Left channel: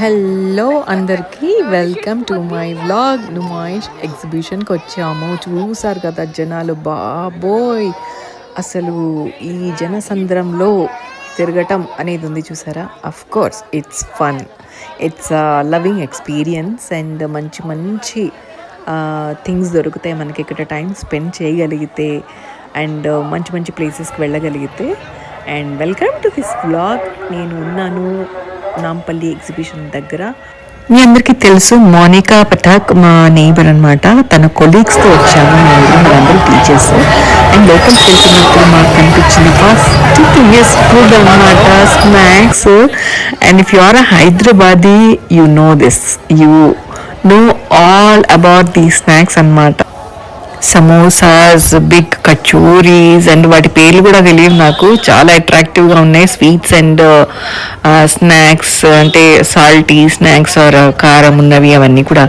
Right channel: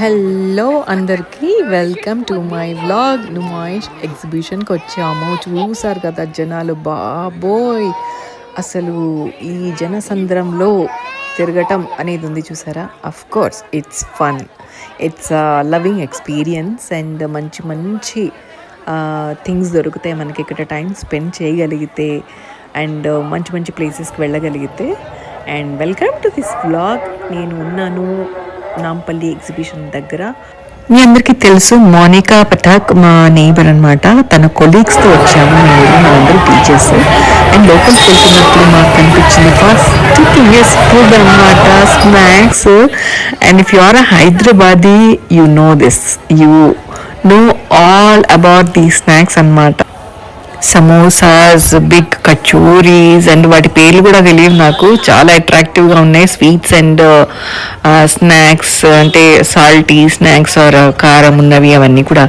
హలో అందరికీ welcome to my vlog. Numaish ఎగ్జిబిషన్కి వచ్చాము. చూసారు కదా జనాలు, బాబోయ్ అసలు ఈ జనసంద్రంలో తిరగటం అనేది ఉంది చూసారా. Of course it's fun, it's loving experience and మంచి మంచి థింగ్స్ దొరుకుతాయి మనకి ఇక్కడ టైం స్పెండ్ చేయగలిగితే అండ్ మంచి మంచి ప్లేసెస్కి వెళ్ళగలిగితే. And welcome to this vlog. నేను ఉన్నాను నాంపల్లి ఎగ్జిబిషన్ దగ్గర. మీ అందరికీ తెలుసు మోనికా పఠాక్ మా నైబర్ అనమాట. తన కొలీగ్స్తో వచ్చాము మనందరూ టీచర్స్. అండ్ లోపలికి వెళ్తున్నప్పుడు మాకు కనిపించింది ఫస్ట్ థింగ్ ఇస్ ఫుడ్ అనమాట, snacks. And if you are a Hyderabadi you know this, you know all about the snacks అనమాట. సమోసాస్, బిగ్ కచోరీస్ అండ్ వాటి పేర్లు కూడా తెలియదు నాకు. చాలా అట్రాక్టివ్గా ఉన్నాయి. స్వీట్స్ అండ్ స్నాక్స్ అంటే సాల్టీ స్నాక్స్ ఆర్ కారం ఉన్నవి అవన్నీ కూడా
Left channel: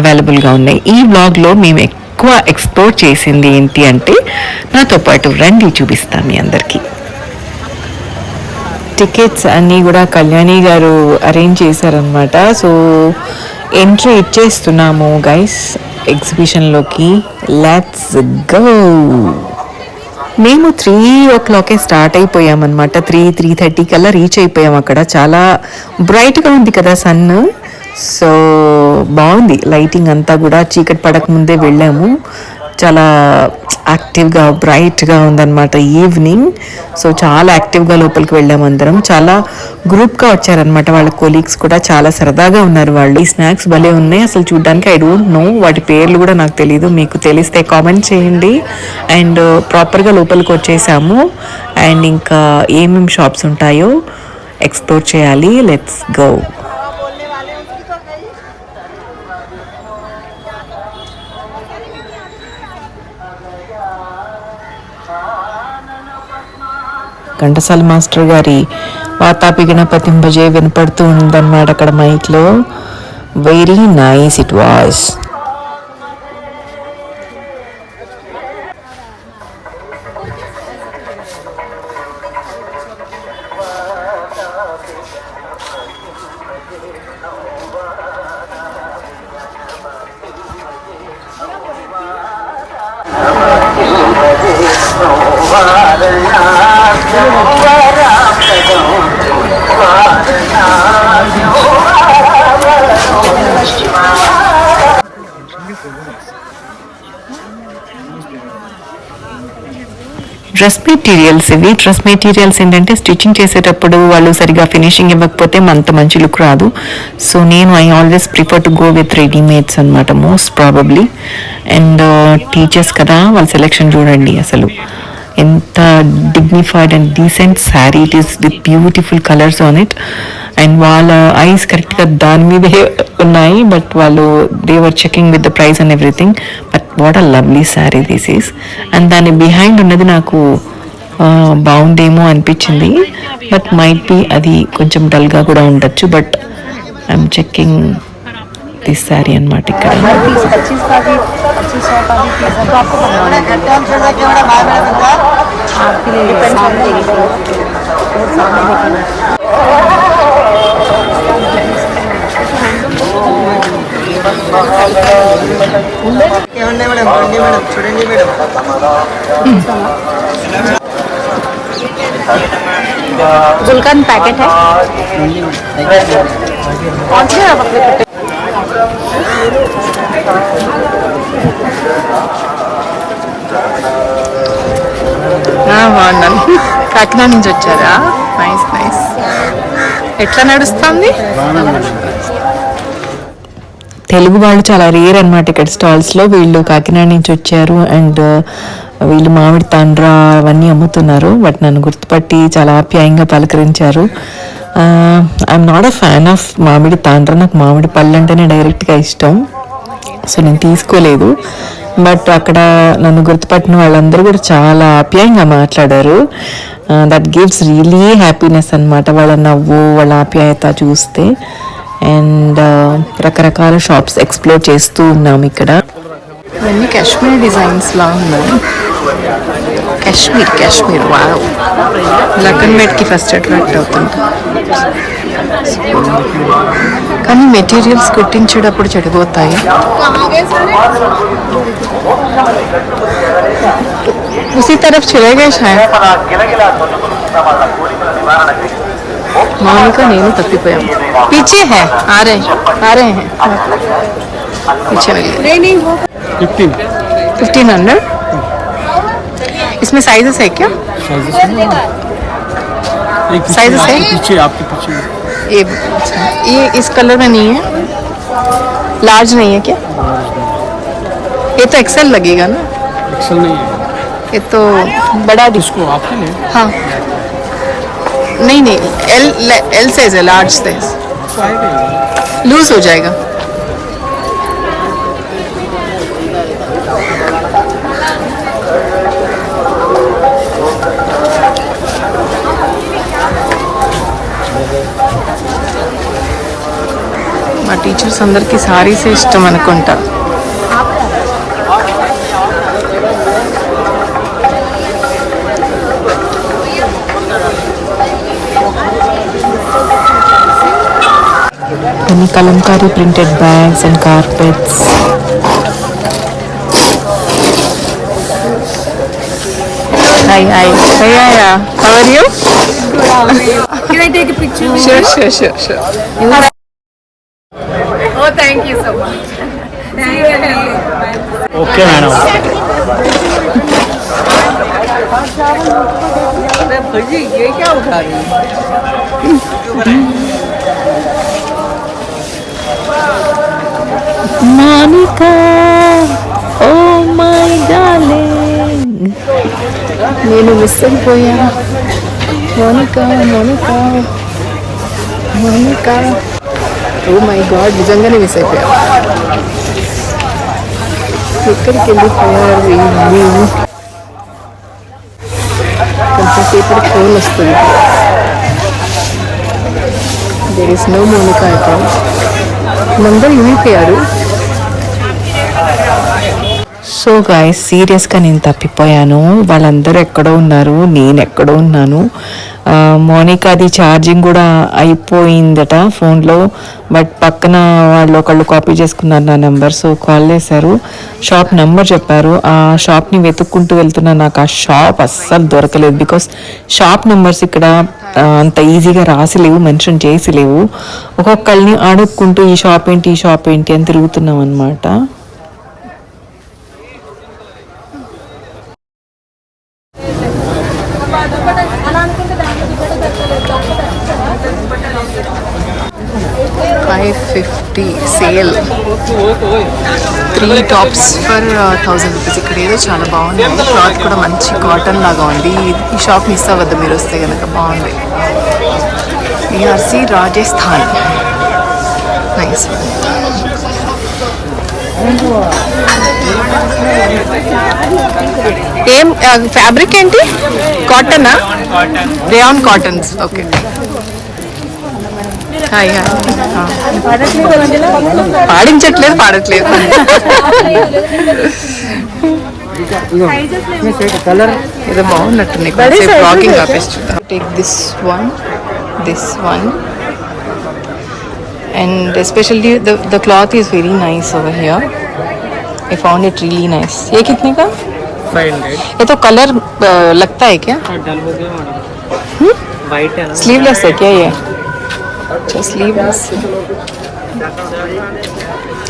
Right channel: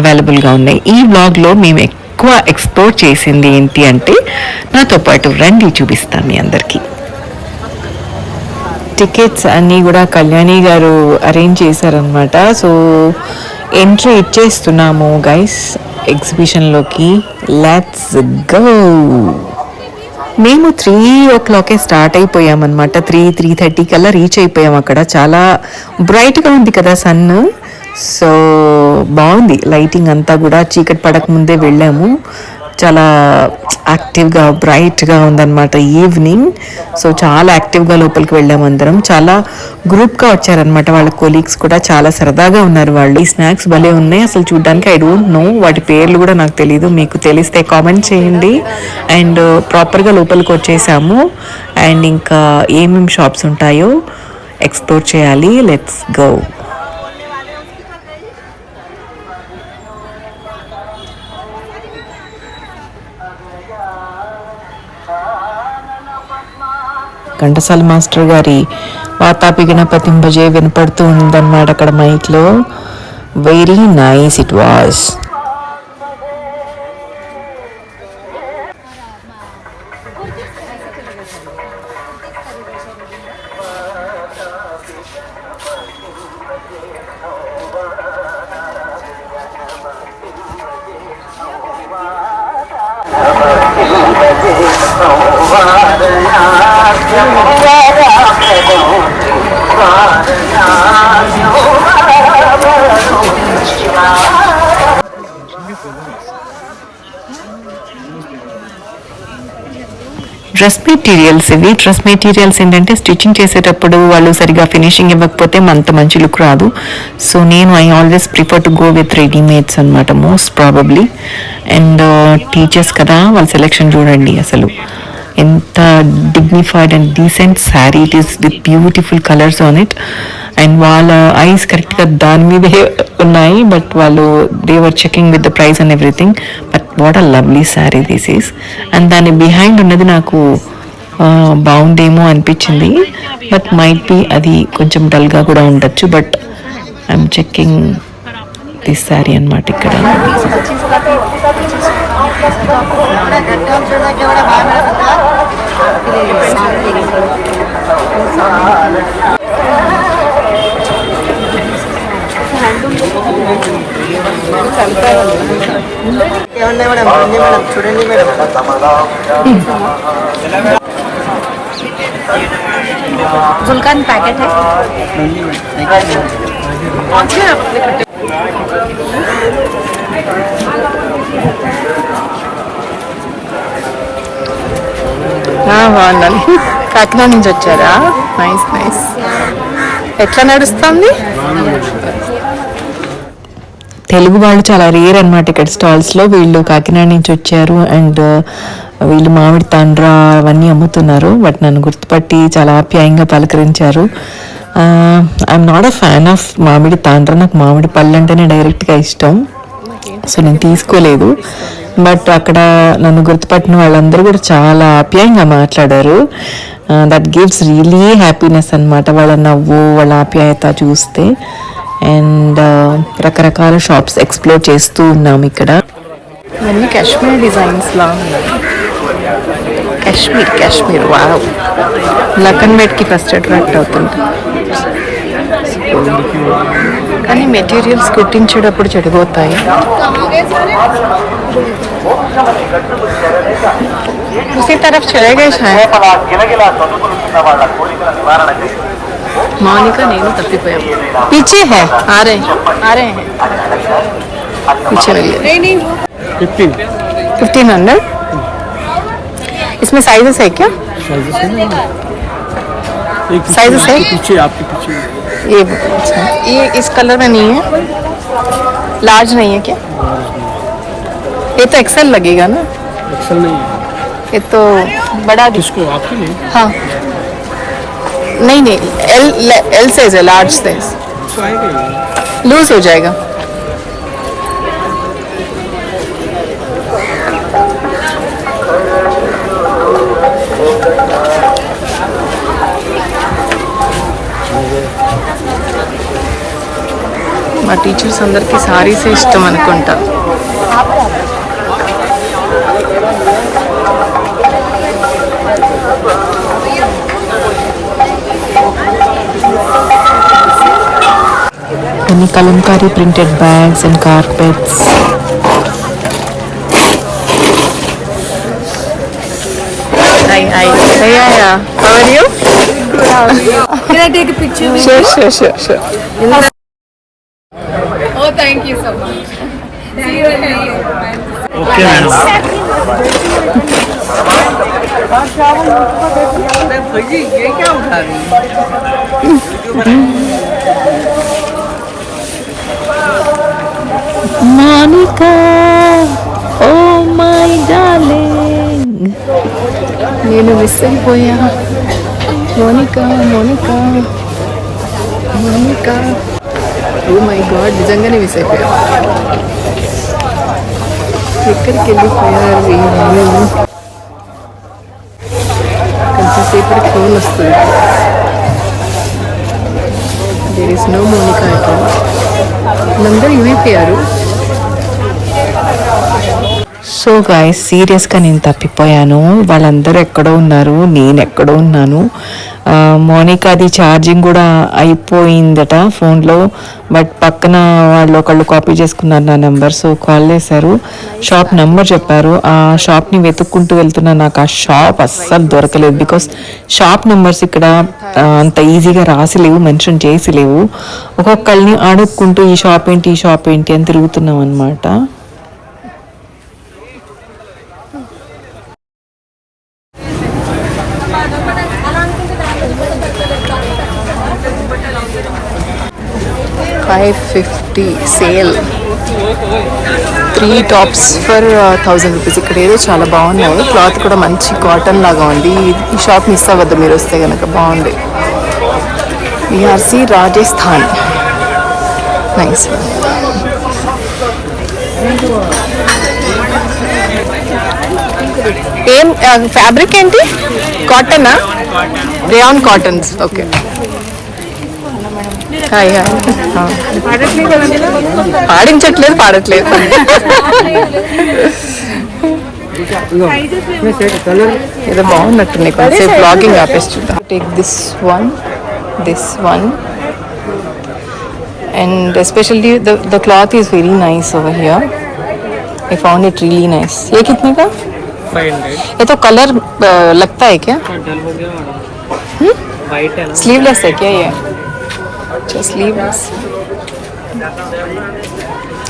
అవైలబుల్గా ఉన్నాయి. ఈ వ్లాగ్లో మేము ఎక్కువ ఎక్స్ప్లోర్ చేసింది ఏంటి అంటే, నాతో పాటు రండి చూపిస్తాను మీ అందరికీ. టికెట్స్ అన్నీ కూడా కళ్యాణి గారు అరేంజ్ చేశారనమాట. సో ఎంట్రీ ఇచ్చేస్తున్నాము గైస్ ఎగ్జిబిషన్లోకి. Let's go. మేము 3 o'clock స్టార్ట్ అయిపోయామన్నమాట. 3:30 కల్లా రీచ్ అయిపోయాం. అక్కడ చాలా బ్రైట్గా ఉంది కదా సన్. సో బాగుంది లైటింగ్ అంతా కూడా. చీకటి పడక ముందే వెళ్ళాము. చాలా యాక్టివ్గా బ్రైట్గా ఉందన్నమాట ఈవినింగ్. సో చాలా యాక్టివ్గా లోపలికి వెళ్ళాము అందరం. చాలా గ్రూప్గా వచ్చారనమాట వాళ్ళ కొలీగ్స్ కూడా. చాలా సరదాగా ఉన్నారు వాళ్ళు. ఈ స్నాక్స్ భలే ఉన్నాయి అసలు చూడడానికి. ఐ డోంట్ నో వాటి పేర్లు కూడా నాకు తెలీదు. మీకు తెలిస్తే కామెంట్ చేయండి. అండ్ ప్రాపర్గా లోపలికి వచ్చేసాము. అండ్ ఇంకా ఏమేమి షాప్స్ ఉంటాయో ఎక్స్ప్లోర్ చేయాలి. Let's go. ఘంటసాల మాస్టర్ గారి వాతాపి గణపతిం భజే వినపడుతూ ఉందన్నమాట అక్కడ మైక్లో. Very nice it was. Dress materials ఇవి. డ్రెస్ మెటీరియల్స్ ఏంటంటే స్టిచ్చింగ్ చేసేటప్పుడు వాళ్ళు సరిగా ఫినిషింగ్ ఇవ్వకపోతే అంత మంచి లుక్ రాదు. సో నేను I always prefer to go with readymades అనమాట మోస్ట్ ప్రాబబ్లీ. అండ్ టీచర్స్ కదా, వాళ్ళ సెలెక్షన్ చూడండి అసలు ఎంత dignified and decent sari it is with beautiful colours on it. And వాళ్ళ ఐస్ కరెక్ట్గా దాని మీదే ఉన్నాయి. బట్ వాళ్ళు they were checking with the price and everything. But what a lovely sari this is. And దాని బిహైండ్ ఉన్నది నాకు బాగుందేమో అనిపించింది. బట్ మైట్ బి అది కొంచెం డల్గా కూడా ఉండొచ్చు. But I'm checking this sari అనమాట ఇక్కడ. गुलकंद पैकेट है। బాగున్నాను. కాకినాడ నుంచి వచ్చారా? Nice nice. ఎట్లా నడుస్తుంది? తెలుగు వాళ్ళు చాలా రేర్ అనమాట ఇక్కడ స్టాల్స్లో. వీళ్ళు కాకినాడ నుంచి వచ్చారు. అండ్ వీళ్ళు మామిడి తాండ్ర అవన్నీ అమ్ముతున్నారు. బట్ నన్ను గుర్తుపట్టి చాలా ఆప్యాయంగా పలకరించారు. I'm not a fan of mamidi tandra. నాకు మామిడి పళ్ళు అంటేనే డైరెక్ట్గా ఇష్టం. సో నేను తీసుకోలేదు. బట్ అక్కడ నన్ను గుర్తుపట్టిన వాళ్ళందరూ కూడా చాలా ఆప్యాయంగా మాట్లాడారు. దట్ గివ్స్ రియలీ హ్యాపీనెస్ అనమాట. వాళ్ళ నవ్వు, వాళ్ళ ఆప్యాయత చూస్తే. అండ్ రకరకాల షాప్స్ ఎక్స్ప్లోర్ చేస్తూ ఉన్నాము ఇక్కడ. ఇవన్నీ కాశ్మీర్ డిజైన్స్ లా ఉన్నాయి. కాశ్మీర్ వావ్. లఖన్ మేట్కి ఫస్ట్ అట్రాక్ట్ అవుతుంది. కానీ మెటీరియల్స్ కుట్టించేటప్పుడు చెడిపోతాయి. उसी तरफ चले गए शायद. मौनिका నేను తప్పిపోయాం. पीछे है आ रहे हैं पीछे रह गए. 1500. इसमें साइजेस है क्या? साइजेस है आपके पीछे ये इस कलर में नहीं है, लार्ज नहीं है क्या? ये तो एक्सेल लगेगा ना? एक्सेल नहीं है ये तो बड़ा इसको आपके लिए. हाँ नहीं एल साइज है, लार्ज साइज लूज हो जाएगा. మా టీచర్స్ అందరికి సారీసే ఇష్టం అనుకుంటా. Any kalamkari printed bags and carpets. Hi. How are you? Can I take a picture? Sure. Oh, thank you so much. See you again. Okay madam. ये क्या उठा रही है? Monica, oh my darling. నేను మిస్ అయిపోయా. మోనికా ఓ మై గాడ్, నిజంగానే మిస్ అయిపోయా. ఎక్కడికి వెళ్ళిపోయారు వీళ్ళు? కొంచెం సేపటికి ఫోన్ వస్తుంది. దేర్ ఇస్ నో మోనికా ఇక్కడ. నందరూ ఇమైపోయారు. సో గాయస్, సీరియస్గా నేను తప్పిపోయాను. వాళ్ళందరూ ఎక్కడో ఉన్నారు, నేను ఎక్కడో ఉన్నాను. మోనికాది ఛార్జింగ్ కూడా అయిపోయిందట ఫోన్లో. బట్ పక్కన వాళ్ళు ఒకళ్ళు కాపీ చేసుకున్నారు నా నెంబర్. సో కాల్ చేశారు, షాప్ నెంబర్ చెప్పారు. ఆ షాప్ని వెతుక్కుంటూ వెళ్తున్నా. నాకు ఆ షాప్ అస్సలు దొరకలేదు. బికాస్ షాప్ నెంబర్స్ ఇక్కడ అంత ఈజీగా రాసిలేవు, మెన్షన్ చేసి లేవు. ఒక్కొక్కళ్ళని అడుక్కుంటూ ఈ షాప్ ఏంటి అని తిరుగుతున్నాం అనమాట. $550 సేల్, 3 టాప్స్ ఫర్ 1000 రూపీస్. ఇక్కడ ఏదో చాలా బాగున్నాయి. క్లాత్ కూడా మంచి కాటన్ లాగా ఉంది. ఈ షాప్ మిస్ అవ్వద్దు మీరు వస్తే కనుక, బాగుంది. VRC Rajasthan, nice. ఏం ఫ్యాబ్రిక్ ఏంటి? కాటనా? Rayon cottons. ఓకే. హాయ్. పాడట్లేదు. ఏదో బాగున్నట్టుంది. కొంచెం బ్లాగింగ్ ఆపేసి చూద్దాం. Take this one and especially the cloth is very nice over here. I found it really nice. ये कितने का? 500. ये तो कलर लगता है क्या? डल हो गया मैडम. वाइट है ना? स्लीवलेस है क्या ये? अच्छा, स्लीवलेस.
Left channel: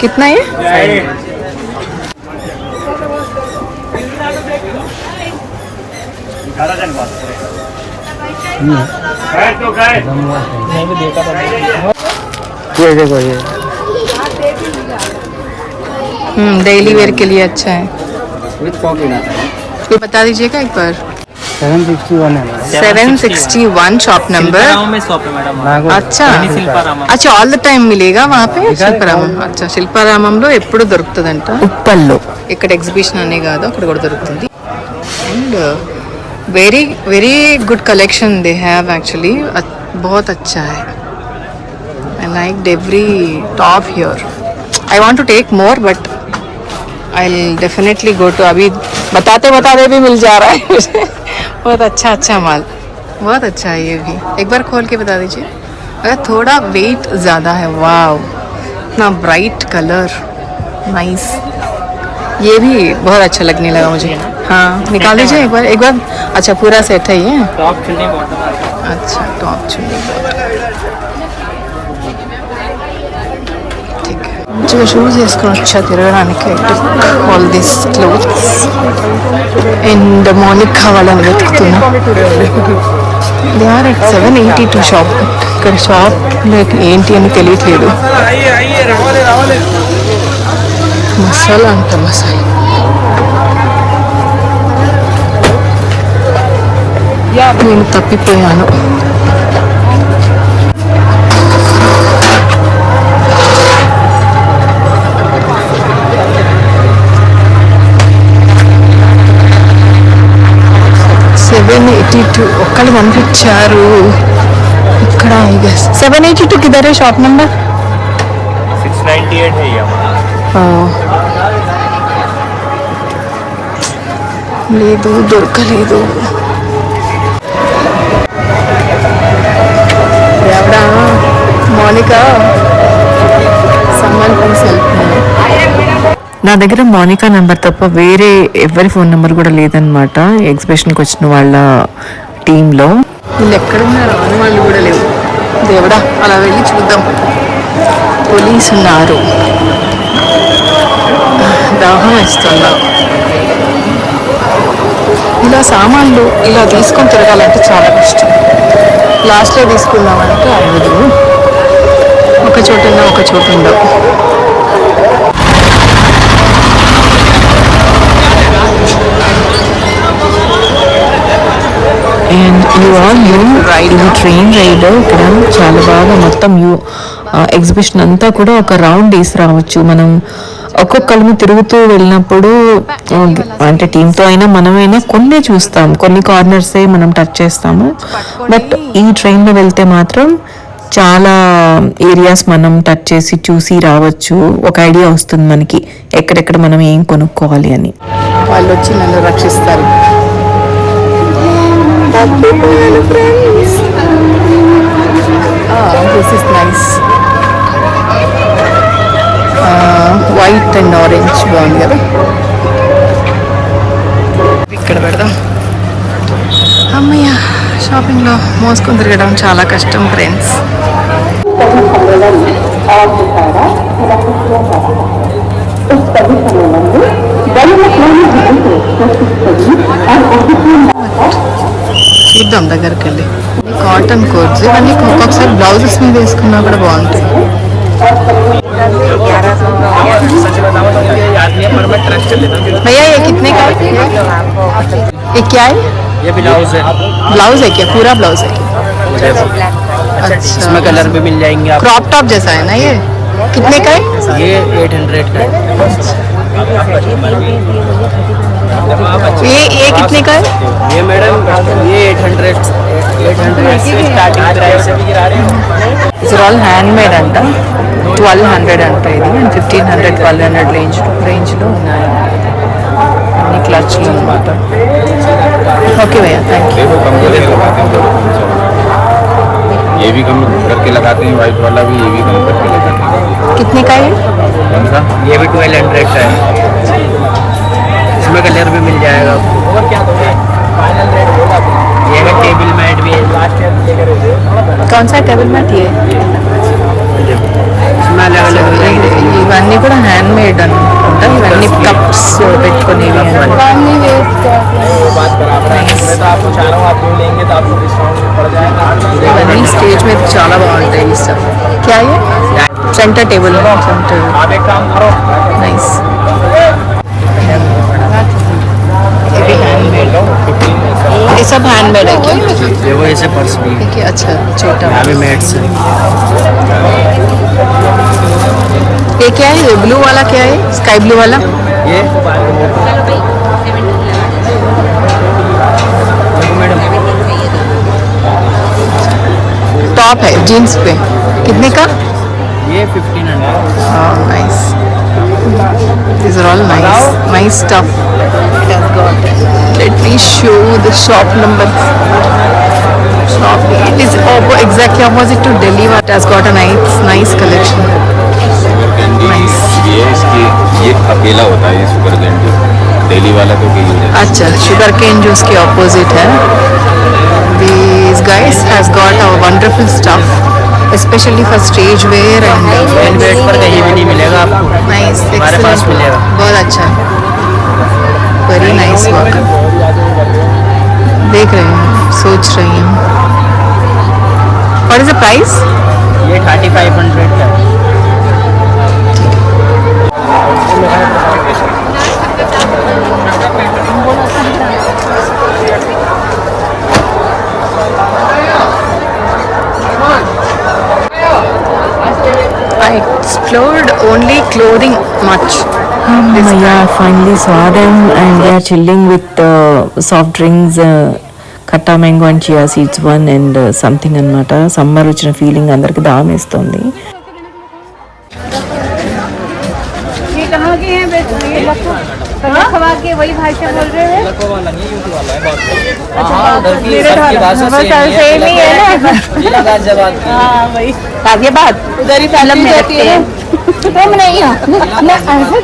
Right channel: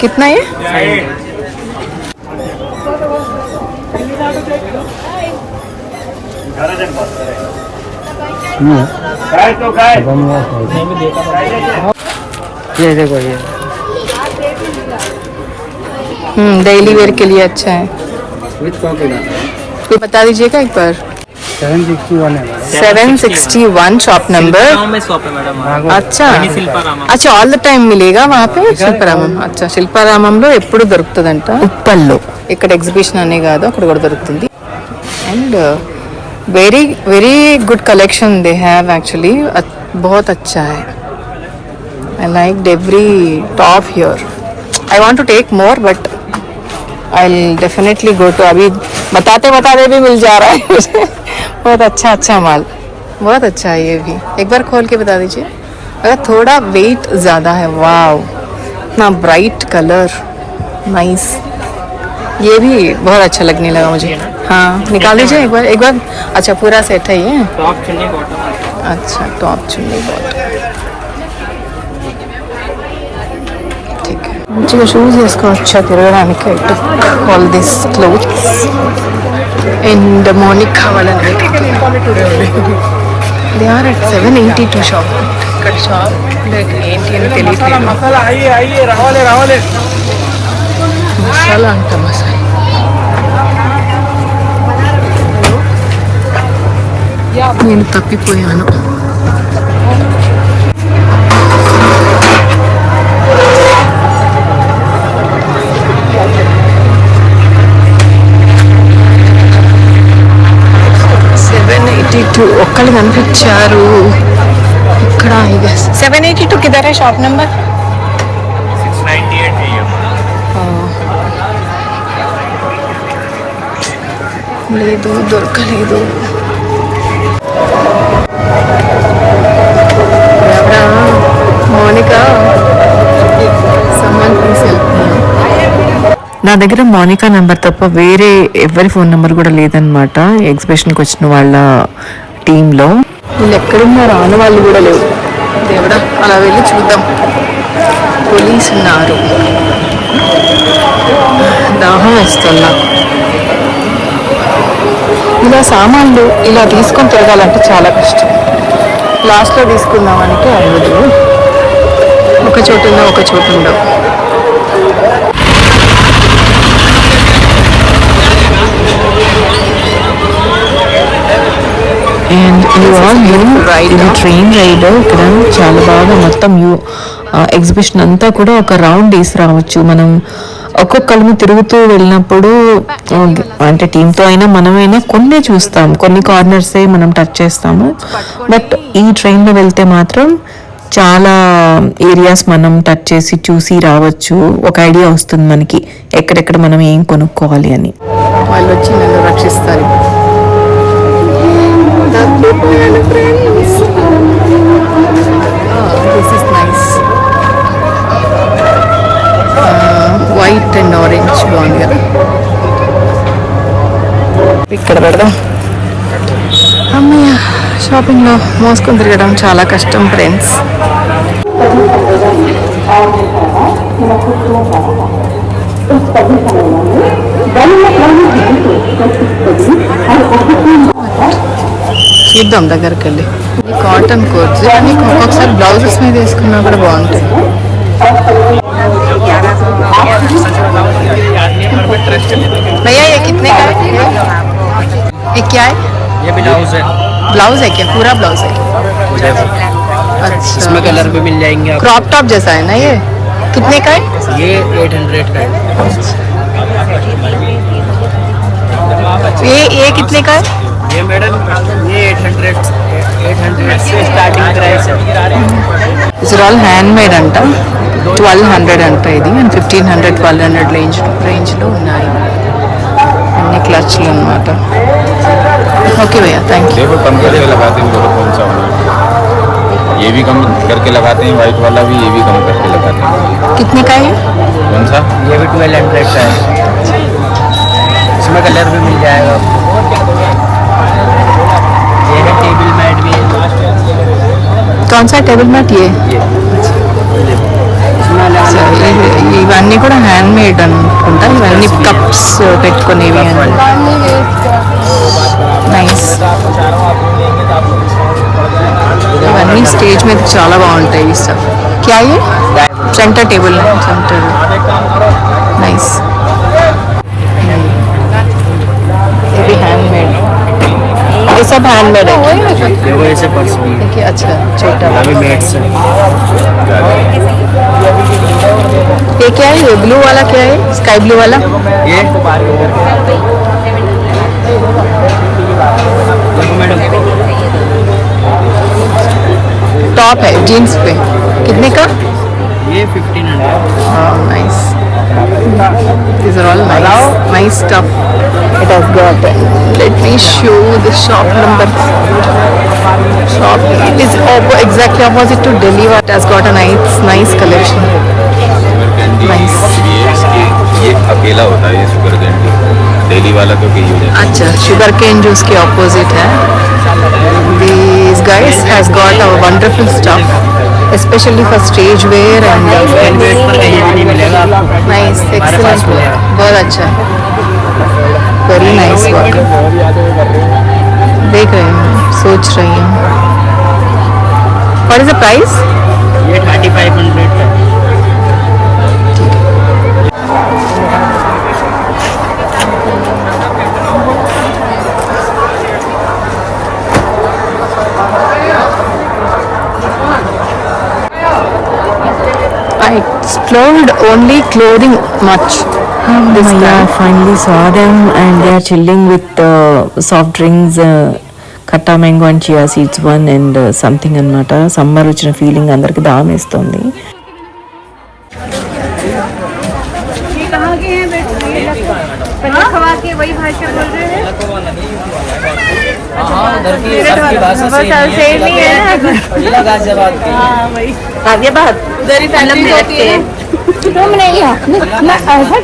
कितना ये? 500. ये देखो ये डेली वेयर के लिए अच्छा है. विद पॉकेट आता है. बता दीजिएगा एक बार. 761 है. 761 शॉप नंबर. में शॉप है मैडम. अच्छा शिल्पारामम. अच्छा, ఆల్ ద టైమ్ మిలేగా वहाँ पे శిల్పారామం. అచ్చా, శిల్పారామంలో ఎప్పుడు దొరుకుతుందంట. ఉప్పల్లో ఇక్కడ ఎగ్జిబిషన్ అనే కాదు, అక్కడ కూడా దొరుకుతుంది. And very very good collection they have actually. बहुत अच्छा है. I liked every top here. I want to take more but I'll definitely go to. अभी बताते भी मिल जा रहा है. बहुत अच्छा माल, बहुत अच्छा है. ये भी एक बार खोल के बता दीजिए. अगर थोड़ा वेट ज़्यादा है. वाव, इतना ब्राइट कलर, नाइस. ये भी बहुत अच्छा लगने लगा मुझे. हाँ, निकाल दीजिए एक बार. अच्छा, पूरा सेट है ये. टॉप चुन्नी बॉटम आता है. अच्छा, टॉप చున్నీ బాటమ్. ठीक है. మంచిగా షూస్ వేసుకోవచ్చా తిరగడానికి. All this clothes. And morning కావాలని వెతుకుతున్నా. They are at 782 shop. ఇక్కడ షాప్ ఏంటి అని తెలియట్లేదు. మసాలా అంత మసాలా. నేను తప్పిపోయాను. ఒక్కళ్ళు కనిపించారు ఇక్కడ. 782 కిదరే షాప్ నెంబర్ 698 లేదు, దొరకలేదు. ఎవడా Monica? Someone please help me. నా దగ్గర మోనికా నెంబర్ తప్ప వేరే ఎవరి ఫోన్ నెంబర్ కూడా లేదనమాట ఎగ్జిబిషన్కి వచ్చిన వాళ్ళ టీంలో. వీళ్ళు ఎక్కడున్నారు? ఆన వాళ్ళు కూడా లేవు. దేవుడా, అలా వెళ్ళి చూద్దాం. పోలీసు ఉన్నారు. దాహం వేస్తున్నా. ఇలా సామాన్లు ఇలా తీసుకొని తిరగాలంటే చాలా కష్టం. లాస్ట్లో తీసుకుందామంటే అవ్వదు. ఒక చోటు ఉన్నా ఒక చోటు ఉండవు. అండ్ యూ ఆల్ ఇది ట్రైన్ రైడ్. ఇక్కడ చాలా బాగా మొత్తం ఎగ్జిబిషన్ అంతా కూడా ఒక రౌండ్ వేసి రావచ్చు. మనం ఒక్కొక్కరిని తిరుగుతూ వెళ్ళినప్పుడు అంటే టీంతో అయినా మనమైనా కొన్ని చూస్తాం, కొన్ని కార్నర్సే మనం టచ్ చేస్తాము. బట్ ఈ ట్రైన్లో వెళ్తే మాత్రం చాలా ఏరియాస్ మనం టచ్ చేసి చూసి రావచ్చు. ఒక ఐడియా వస్తుంది మనకి ఎక్కడెక్కడ మనం ఏం కొనుక్కోవాలి అని. వాళ్ళు వచ్చి నన్ను రక్షిస్తారు. వైట్ అండ్ ఆరెంజ్ బాగుంది కదా. ఇక్కడ పెడదాం. అమ్మయ్య, షాపింగ్లో మోసుకొని తిరగడం చాలా కష్టం ఫ్రెండ్స్. చూద్దాం దగ్గరికి వెళ్ళి. కాటన్ కోట్స్ ఇవన్నీ ఒక్కొక్కసారి బ్లౌజెస్ మీద వేసుకున్నా కూడా బాగుంటాయి. भैया ये कितने का है? ये क्या है? ये ब्लाउज है. ब्लाउज है क्या? पूरा ब्लाउज है? अच्छा, इसमें कलर भी मिल जाएंगे आपको. क्रॉप टॉप जैसा है ना ये? कितने का है? ये 800 का है. ये कितने का है? ये मैडम ये 800 से स्टार्टिंग प्राइस है. ఇట్స్ ఆల్ హ్యాండ్ మేడ్ అంట. 1200 అంట ఇది. అండ్ 1500 1200 రేంజ్లో ఉన్నాయి. అన్ని క్లచ్లు అనమాట. ఓకే भैया, थैंक यू. ये भी कम करके लगाते हैं, व्हाइट वाला भी ये भी कम करके लगाते हैं. कितने का है? कौन सा? ये भी 1200 का है. इसमें कलर भी मिल जाएगा आपको. ये है टेबल मैट भी. कौन सा टेबल मैट? ये ఇవన్నీ కూడా హ్యాండ్ మేడ్ అనుకుంటా. ఇవన్నీ కప్స్ పెట్టుకునేవి అండి. నైస్. ఇవన్నీ స్టేజ్ మీద చాలా బాగుంటాయి. ఈ స్టఫ్ క్యా ये सेंटर टेबल है. Centre nice. ये भी हैंडमेड. ये सब हैंडमेड है क्या? देखो ऐसे पर्स भी है. अच्छा, छोटा अभी मैट्स है. ये क्या है? ये ब्लू वाला क्या है? स्काई ब्लू वाला. ये देखो मैडम, टॉप है जीन्स पे. कितने का? ये 1500. Oh, nice. These are all nice stuff. It has got. Let me show the shop number. Soft. It is exactly opposite to Delhi. What has got a nice collection. Nice. ये अकेला होता है super candy, Delhi वाला तो कहीं हो जाता अच्छा, शुगर केन जूस के ऑपोजिट है. These guys has got a wonderful stuff, especially for stage wear and weight पर कहीं भी नहीं मिलेगा आपको, nice. हमारे पास Excellent. मिलेगा. बहुत अच्छा है. Very nice work. देख रही हूँ, सोच रही हूँ. What is the price? ये 3500 है. I explored only clothing much. I finally saw them and they are chilling with soft drinks, khatta mango and chia seeds one and something annamata. Summer వచ్చిన ఫీలింగ్ అందరికి దామేస్తుంది. वही भाषा बोल रहे हैं. हाँ, उधर की सबकी भाषा सेम ही है. जिला गाजियाबाद की. आगे बात उधर ही फिल्म में होती है. तुम नहीं हो ना ऐसा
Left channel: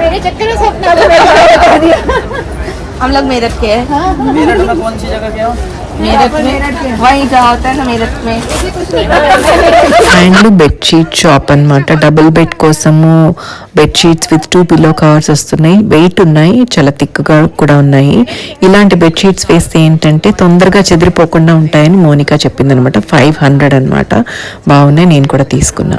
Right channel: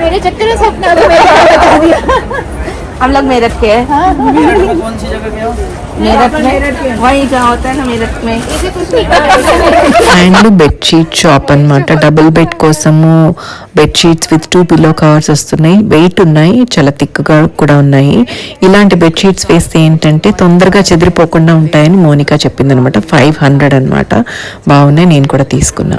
मेरे चक्कर में सब बता दिया. हम लोग मेरठ के हैं. मेरठ में कौन सी जगह के हो? मेरठ में वही का होता है ना मेरठ में. అండ్ బెడ్షీట్ షాప్ అన్నమాట. డబుల్ బెడ్ కోసము బెడ్షీట్స్ విత్ 2 పిల్లో కవర్స్ వస్తున్నాయి. వెయిట్ ఉన్నాయి, చాలా థిక్గా కూడా ఉన్నాయి. ఇలాంటి బెడ్షీట్స్ వేస్తే ఏంటంటే తొందరగా చెదిరిపోకుండా ఉంటాయని మోనికా చెప్పింది అనమాట. 500 అనమాట. బాగున్నాయి, నేను కూడా తీసుకున్నా.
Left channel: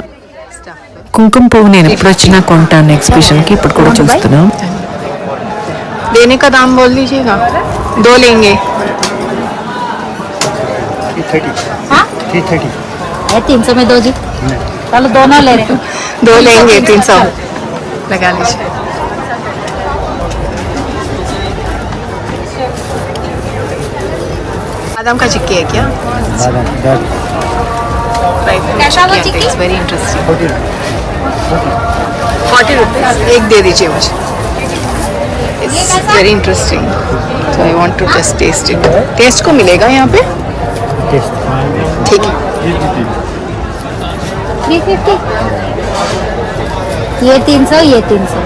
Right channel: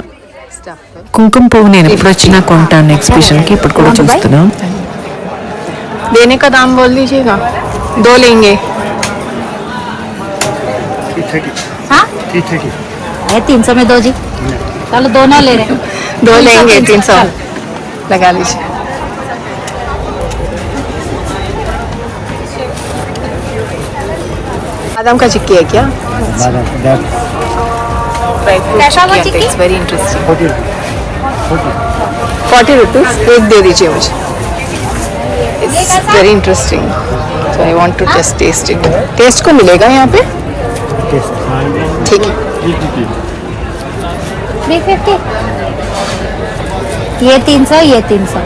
కుంకుమ పువ్వు నేను ఎప్పుడు వచ్చినా కొంటాను ఎగ్జిబిషన్కి, ఇప్పుడు కూడా చూస్తున్నాం. देने का दाम बोल दीजिएगा. 2 लेंगे. 300 में 2 जी. चलो दोनों ले रहे. 2 लेंगे. 300 लगा लीजिए. बादाम का चिक्की है क्या? ड्राई फ्रूट चिक्की आता है. It's very interesting. 40 रुपीज एक दे दीजिए मुझे. It's very interesting. So I want to just taste it. Taste को मिलेगा यहाँ पे? ठीक है. 350. ये 300, ये 300.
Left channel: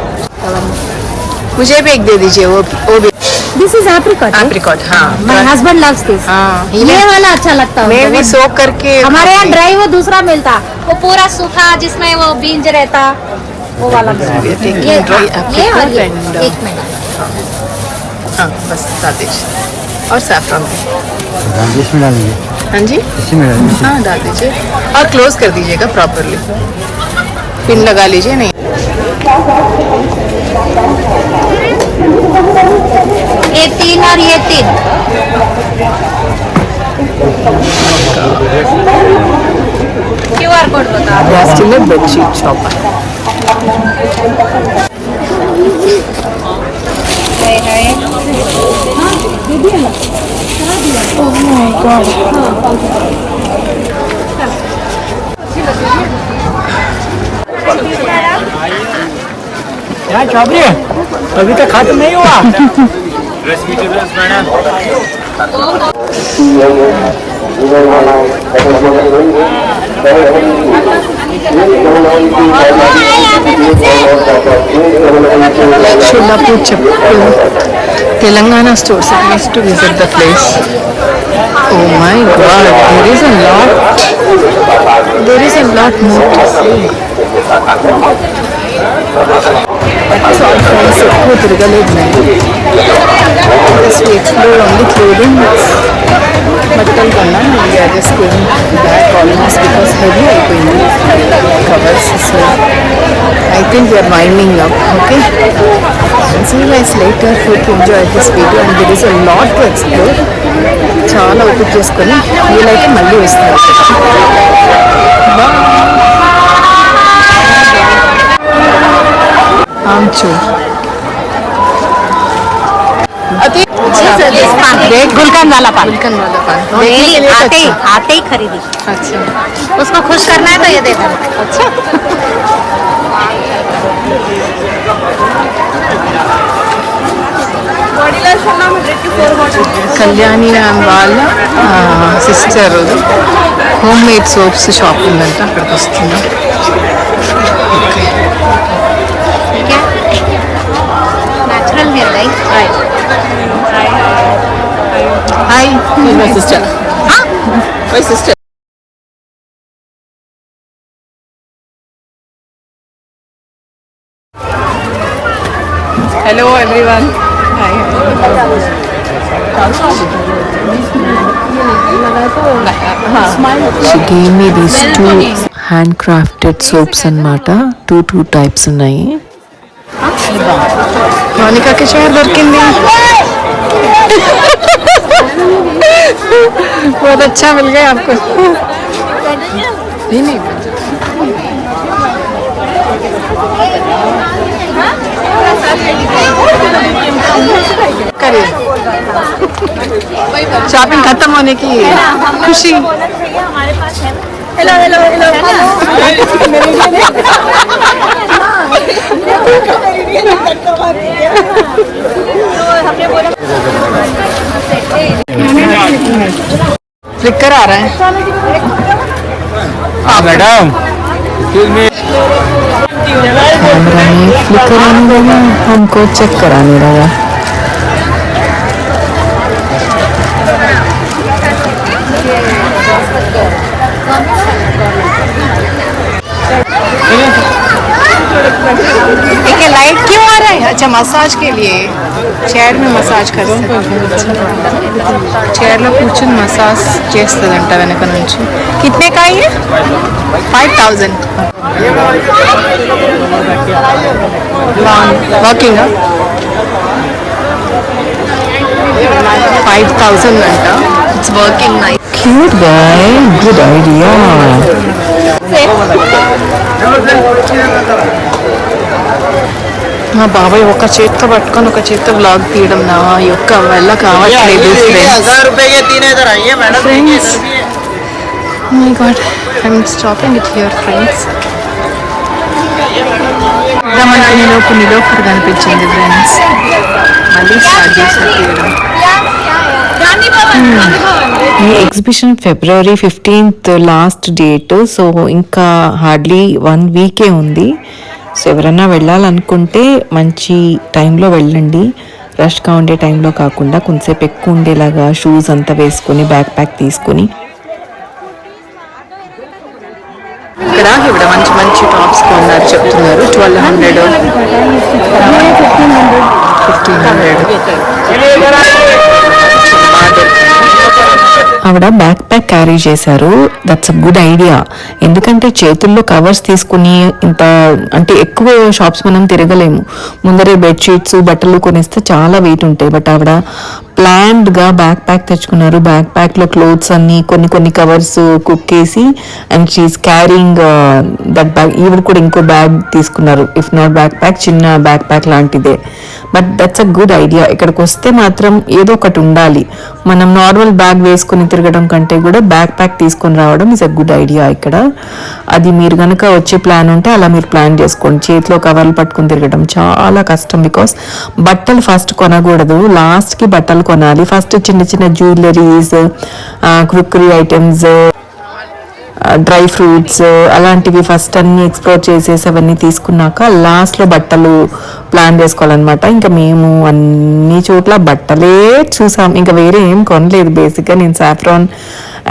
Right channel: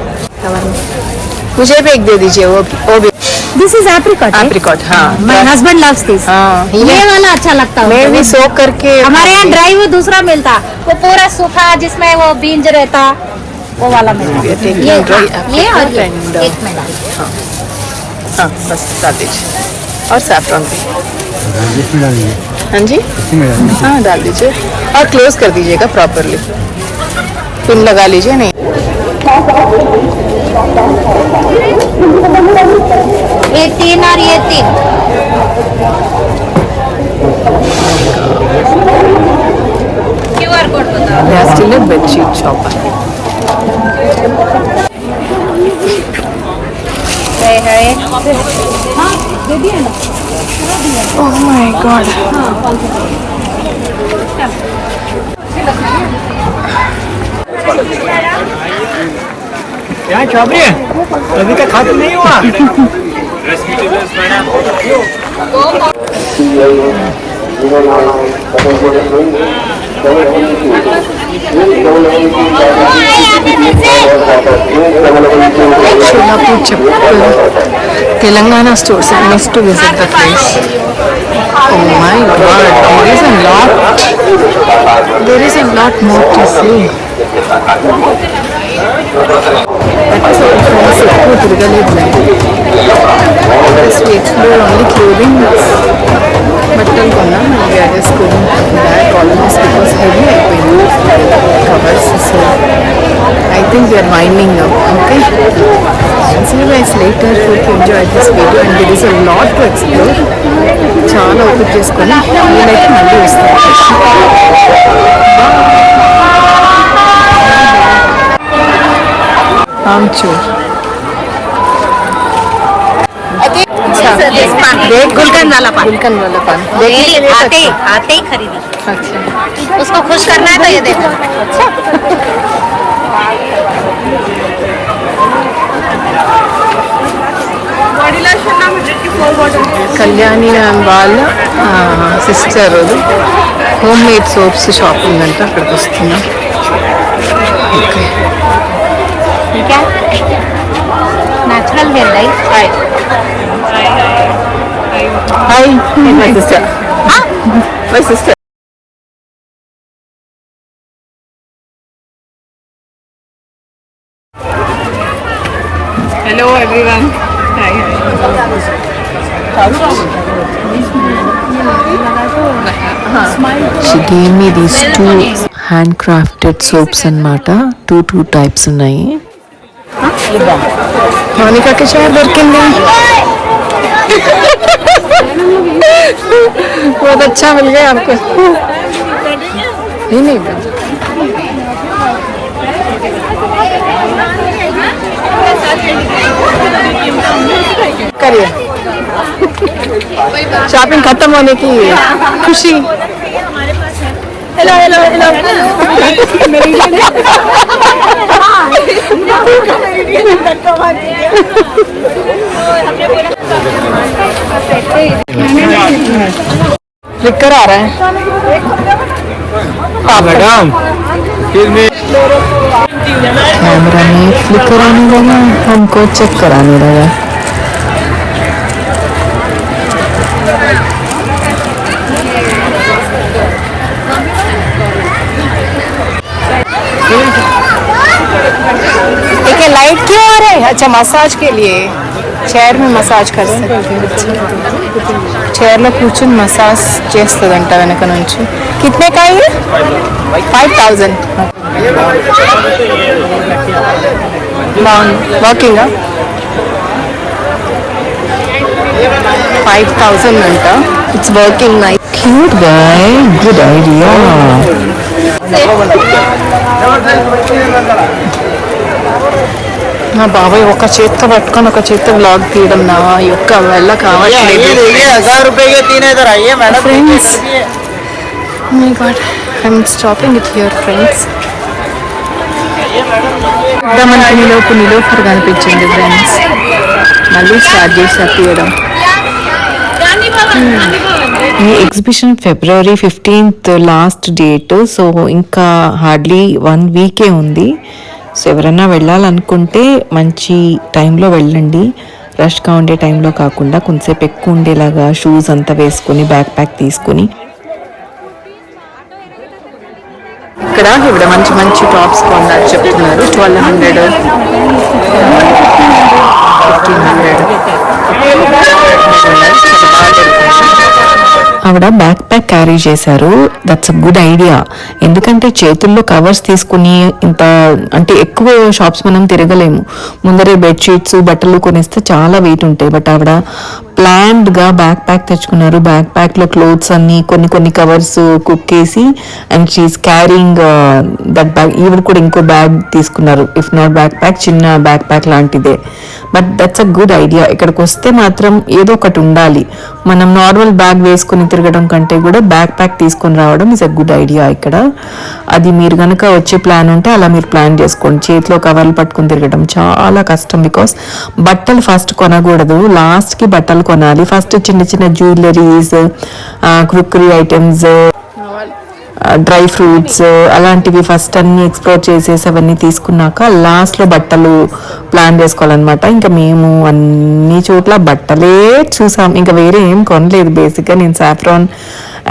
मुझे भी एक दे दीजिए. वो भी दिस इज एप्रिकॉट. एप्रिकॉट. हाँ माय हस्बैंड लव्स दिस. हाँ ये वाला अच्छा लगता है. मैं भी सोक करके हमारे यहाँ ड्राई वो दूसरा मिलता, वो पूरा सूखा जिसमें वो बींज रहता, वो वाला मिलता. टेकिंग ड्राई एप्रिकॉट वाली. एंड एक मिनट. हाँ बस डाल दीजिए. और सैफरन भी. इसमें डालेंगे. हाँ जी, इसमें हाँ डाल दीजिए और क्लोज कर दीजिएगा प्रॉपरली. पिन लगा लीजिए. नहीं ये 3 और ये 3. QR कोड बता. they are still a bedsheet shop. Oh my god. क्या चाबरी है? अभी तक खत्म नहीं हुआ. Sholapur Chappal, Telangana stores. I missed to visit the place. Oh my god, there is a lot more to see. That's all friends. ఎక్కువ తిరగలేదు నేను. Just we explored only clothing. బట్టలు కొన్నాం and we are just going back almost because heavy అయిపోయింది covers. So I think we are winding up. Okay. See you guys later. Hope you enjoyed this video and there is a lot to explore. చాలా ఓపిక చేసుకొని వీలైతే మళ్ళీ వస్తాను. బాయ్. आमचूर. अच्छा देख गुलकंद वाला पान. गुलकंद वाला पान देखने के लिए तो अच्छा. आते ही खरीदी. अच्छा उसको खुश करना है तो ये दे देना. अच्छा కళ్యాణి మ్యామ్ వాళ్ళ sister home made soaps shop ఉందంట, అక్కడికి వస్తున్నాం. ఓకే ठीक है natural hair right hi, my sister. My sister. Hello everyone. Hi hi. She gave me these 2 hand crafted soaps అన్నమాట. టూ టైప్స్ ఉన్నాయి. మౌనికాకి చైర్ దొరికింది. बहुत अच्छा मिल गया आपको. नहीं करिए. शॉपिंग खत्म होने की खुशी. फ्लिकर आ रहा है. मैडम कैमरा में फ्लिकर आने लगा, हमको चक्कर आने लगा. देखिए लाइट क्यों आ रहा है. अच्छा मसाज के लिए చైర్ में మసాజ్ कर చైర్లో కూర్చుని మసాజ్ చేస్తుందంట వెనక నుంచి. కితనే का है? 5000. బాగుంది. వాకింగ్ 5000 అంట. It's working nice. Cute guy, good idea. మా బాబాయ్ ఒక చేత్తో పట్టుకొని ఒక చేత్తో వ్లాగ్ తీయడం నా యొక్క వల్ల కావట్లేదు. Friends, my God, I'm stopping it here friends. మనకి నిలోఫర్ కనిపించింది ఫ్రెండ్స్. మళ్ళీ స్టార్ట్ చేసి తీయడం. ఈ ఎగ్జిబిషన్ ఫిబ్రవరి 15th లాస్ట్ డేట్. సో ఇంకా హార్డ్లీ 1 వీకే ఉంది. సో ఎవరైనా వెళ్ళాలనుకుంటే మంచి టైంలో వెళ్ళండి. రష్గా ఉండే టైంలో కాకుండా కొంతసేపు ఎక్కువ ఉండేలాగా షూస్ అంతా వేసుకొని బ్యాక్ ప్యాక్ తీసుకొని. ఇక్కడ మంచి మంచి టాప్స్ కొన్నారు చెప్తున్నారు. 1200, 1500 చాలా బాగా దొరికింది. ఆవిడ బ్యాక్ ప్యాక్ క్యారీ చేశారు. That's a good idea. ఎందుకంటే చేతుల్లో కవర్స్ తీసుకుని ఇంత అంటే ఎక్కువ షాప్స్ మనం తిరగలేము. ముందరే బెడ్షీట్స్ బట్టలు కొనిస్తే చాలా వెయిట్ ఉంటాయి. బట్ ఆవిడ ప్లాన్డ్గా బ్యాక్ ప్యాక్ తెచ్చుకున్నారు. బ్యాక్ ప్యాక్లో క్లోత్స్ అన్ని కొన్ని కవర్స్ కుక్ చేసి and she's carrying that bag. ఈవిడ కూడా ఇంకో బ్యాగ్ తీసుకున్నారు. ఇఫ్ నాట్ బ్యాక్ ప్యాక్, చిన్న బ్యాక్ ప్యాక్ లాంటిదే. But that's a good idea. ఇక్కడికి వస్తే మాత్రం ఏదో ఒకటి ఉండాలి. మనం నార్మల్ బ్యాగ్ వేసుకుని తిరగడం కంటే కూడా బ్యాక్ ప్యాక్ తీసుకొని రావడం ఇస్ అ గుడ్ ఐడియా ఇక్కడ. అది మీరు కనుక వచ్చే ప్లాన్ ఉంటే అలా మీరు ప్లాన్ చేసుకోండి. చేతిలో కవర్లు పట్టుకుని తిరగడం చాలా కష్టం. బికాస్ బట్టలు ఫస్ట్ కొనకూడదు, లాస్ట్కి బట్టలు కొనాలి. ఫస్ట్ చిన్న చిన్న జ్యువెలరీస్, క్రుక్కరీ ఐటమ్స్, డ్రై ఫ్రూట్స్ అలాంటివి ఫస్ట్ అన్ని ఎక్స్ప్లోర్ చేసేసి అవన్నీ తీసుకున్నాక లాస్ట్లో బట్టలు ప్లాన్ చేసుకోవాలన్నమాట. ఇంకా మేము అన్ని చోట్ల బట్టలే చూసాం, ఇంకా వేరే ఏం కొనలేదు. బేసిక్గా నేను సాఫ్రాన్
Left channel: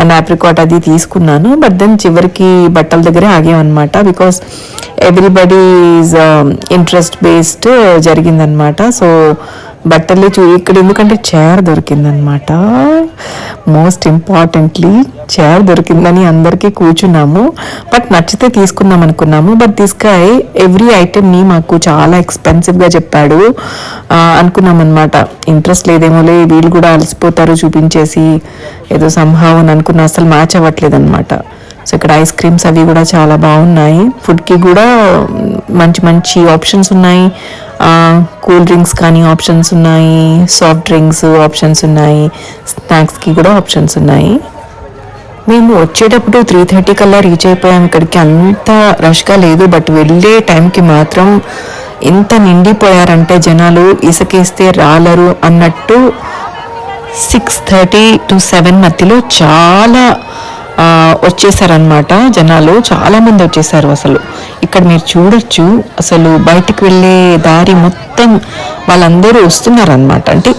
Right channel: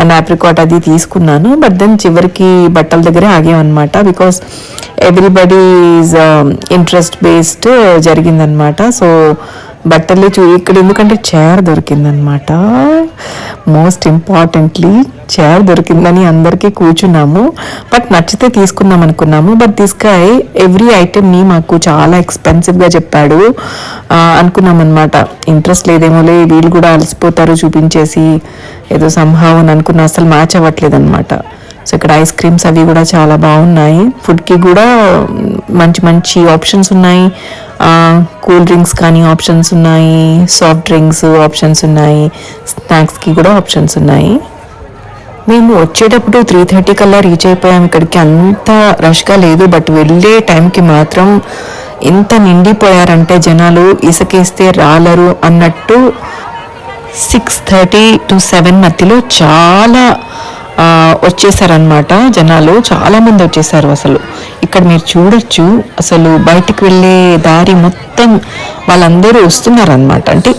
అండ్ ఆప్రికాట్ అది తీసుకున్నాను. బట్ దెన్ చివరికి బట్టల దగ్గరే ఆగామన్నమాట. Because everybody is interest based జరిగిందనమాట. సో బట్టలే ఇక్కడ ఎందుకంటే చైర్ దొరికిందనమాట. మోస్ట్ ఇంపార్టెంట్లీ చైర్ దొరికిందని అందరికీ కూర్చున్నాము. బట్ నచ్చితే తీసుకుందాం అనుకున్నాము. బట్ దిస్ గాయ్ ఎవ్రీ ఐటెంని మాకు చాలా ఎక్స్పెన్సివ్గా చెప్పాడు. అనుకున్నాం అనమాట, ఇంట్రెస్ట్ లేదేమోలే, వీళ్ళు కూడా అలసిపోతారు చూపించేసి ఏదో సంభావం అని అనుకున్న, అసలు మ్యాచ్ అవ్వట్లేదు అనమాట. సో ఇక్కడ ఐస్ క్రీమ్స్ అవి కూడా చాలా బాగున్నాయి. ఫుడ్కి కూడా మంచి మంచి ఆప్షన్స్ ఉన్నాయి. కూల్ డ్రింక్స్ కానీ ఆప్షన్స్ ఉన్నాయి, సాఫ్ట్ డ్రింక్స్ ఆప్షన్స్ ఉన్నాయి, స్నాక్స్కి కూడా ఆప్షన్స్ ఉన్నాయి. మేము వచ్చేటప్పుడు 3:30 కల్లా రీచ్ అయిపోయాం. ఇక్కడికి అంత రష్గా లేదు. బట్ వెళ్ళే టైంకి మాత్రం ఎంత నిండిపోయారంటే జనాలు ఇసుకేస్తే రాలరు అన్నట్టు 6:30 to 7 మధ్యలో చాలా వచ్చేసారనమాట. జనాలు చాలా మంది వచ్చేసారు. అసలు ఇక్కడ మీరు చూడొచ్చు, అసలు బయటికి వెళ్ళే దారి మొత్తం వాళ్ళందరూ వస్తున్నారనమాట. అంటే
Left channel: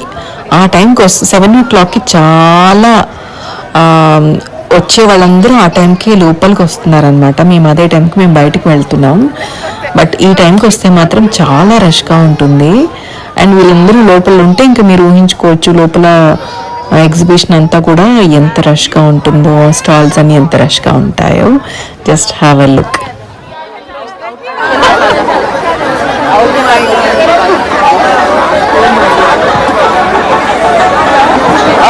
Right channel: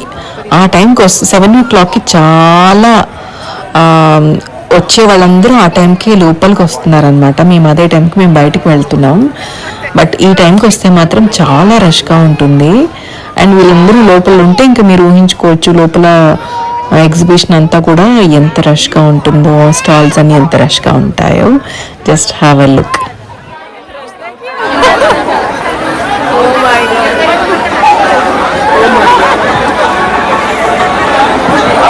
ఆ టైంకి 7 o'clockకి చాలా వచ్చే వాళ్ళందరూ ఆ టైంకి లోపలికి వస్తున్నారనమాట. మేము అదే టైంకి మేము బయటికి వెళ్తున్నాం. బట్ ఈ టైంకి వస్తే మాత్రం చాలా రష్గా ఉంటుంది. అండ్ వీళ్ళందరూ లోపల ఉంటే ఇంకా మీరు ఊహించుకోవచ్చు లోపల ఎగ్జిబిషన్ అంతా కూడా ఎంత రష్గా ఉంటుందో, స్టాల్స్ అన్ని ఎంత రష్గా ఉంటాయో. Just have a look.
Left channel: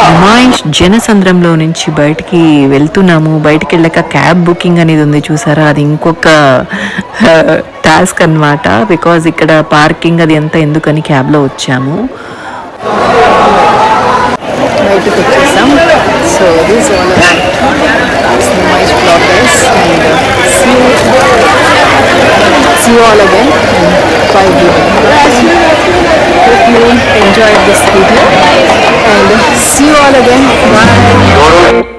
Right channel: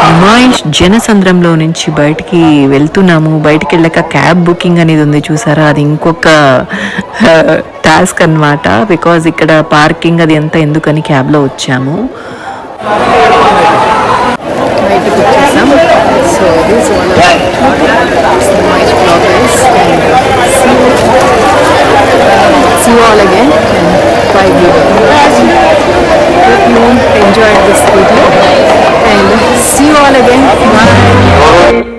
Numaish జనసంద్రంలో నుంచి బయటికి వెళ్తున్నాము. బయటికి వెళ్ళాక క్యాబ్ బుకింగ్ అనేది ఉంది చూసారా, అది ఇంకొక టాస్క్ అన్నమాట. బికాజ్ ఇక్కడ పార్కింగ్ అది ఎంత ఎందుకని క్యాబ్లో వచ్చాము. బయటికి వచ్చేసాం. So this all about Numaish bloggers and see you all again and bye everyone. Hope you enjoyed this video and see you all again. Bye.